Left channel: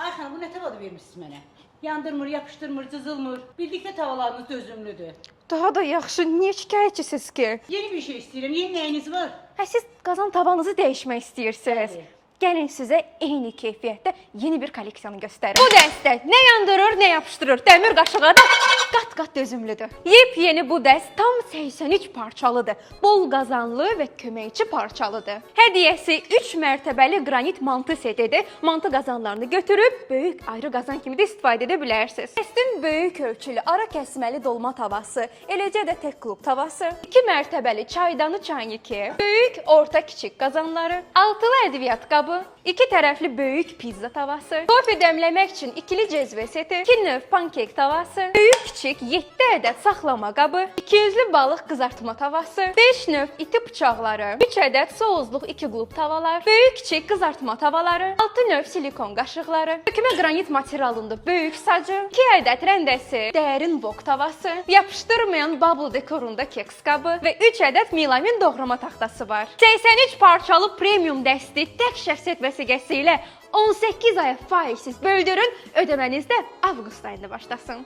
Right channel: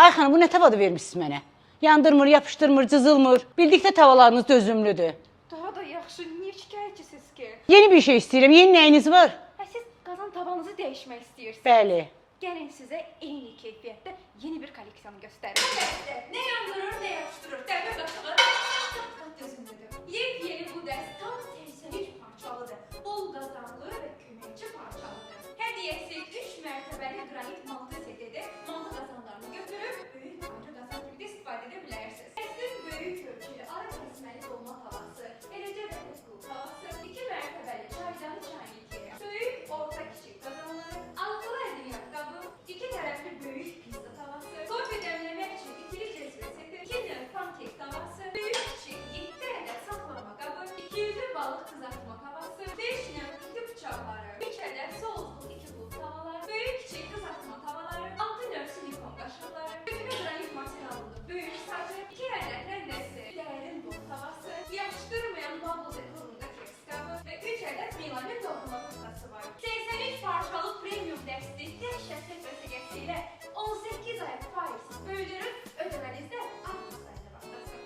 Ay xanım, bu nə tavadı vermişsiniz mənə? Yandırmır, yapışdırmır, cızılmır. Bildikdə tavalarınız dözümlüdür. Daha da yaxşı, niyə şikayətçisiz ki? Yeni bir şey istəyirəm. Yeni nəyiniz var? Siz qazan tavanızı dəyişmək istəyirsiniz. Bəli. Gəlin sizə eyni keyfiyyətdə yeni bir kolleksiyanı göstərim. Bu dəstə nə yandırır, nə yapışdırır. Dəmir qaşığa da qat-qat dözümlüdür. Yepyeni bu dəst tam 83 parçalıdır. Bol qazanlı və köməkçi parçalıdır. Hədiyyəsi 3 mərtəbəli qranit mantı setidir. Mantı qazanlarını götürüb böyük ayrı qazan kimi də istifadə edə bilərsiniz. Dəstin böyük ölçülü ara kəsməli dolma tavası, eləcə də tək klub tavası, 2 mərtəbəli çaydanı çayniki, böyük, orta, kiçik qazanları, altılı ədviyyat qabı, 2 tərəfli böyük pizza tavası, kofe dəmləmək üçün ikili cezvə seti, 2 növ pankek tavası, böyük kiçik 7 ədəd saxlama qabı, 200-lü balıq qızartma tavası, 5 növ iti bıçaqları, 3 ədəd soğuzluq 2 qlub tavalar, böyük kiçik qızartma tavaları, 6 növ silikon qaşıqları, tökmə qranit materialında böyük sacı, 2 ədəd rəndəsi, dərin vok tavası, yapışdırmayan bubble dekorunda keks qabı və 3 ədəd milamin doğrama taxtası var. 83 parçalı premium dəsti tək şəxsiyyət vəsiqəsi ilə 18 aya faizsiz böldürün, ödəməniz də avqust ayında başlasın.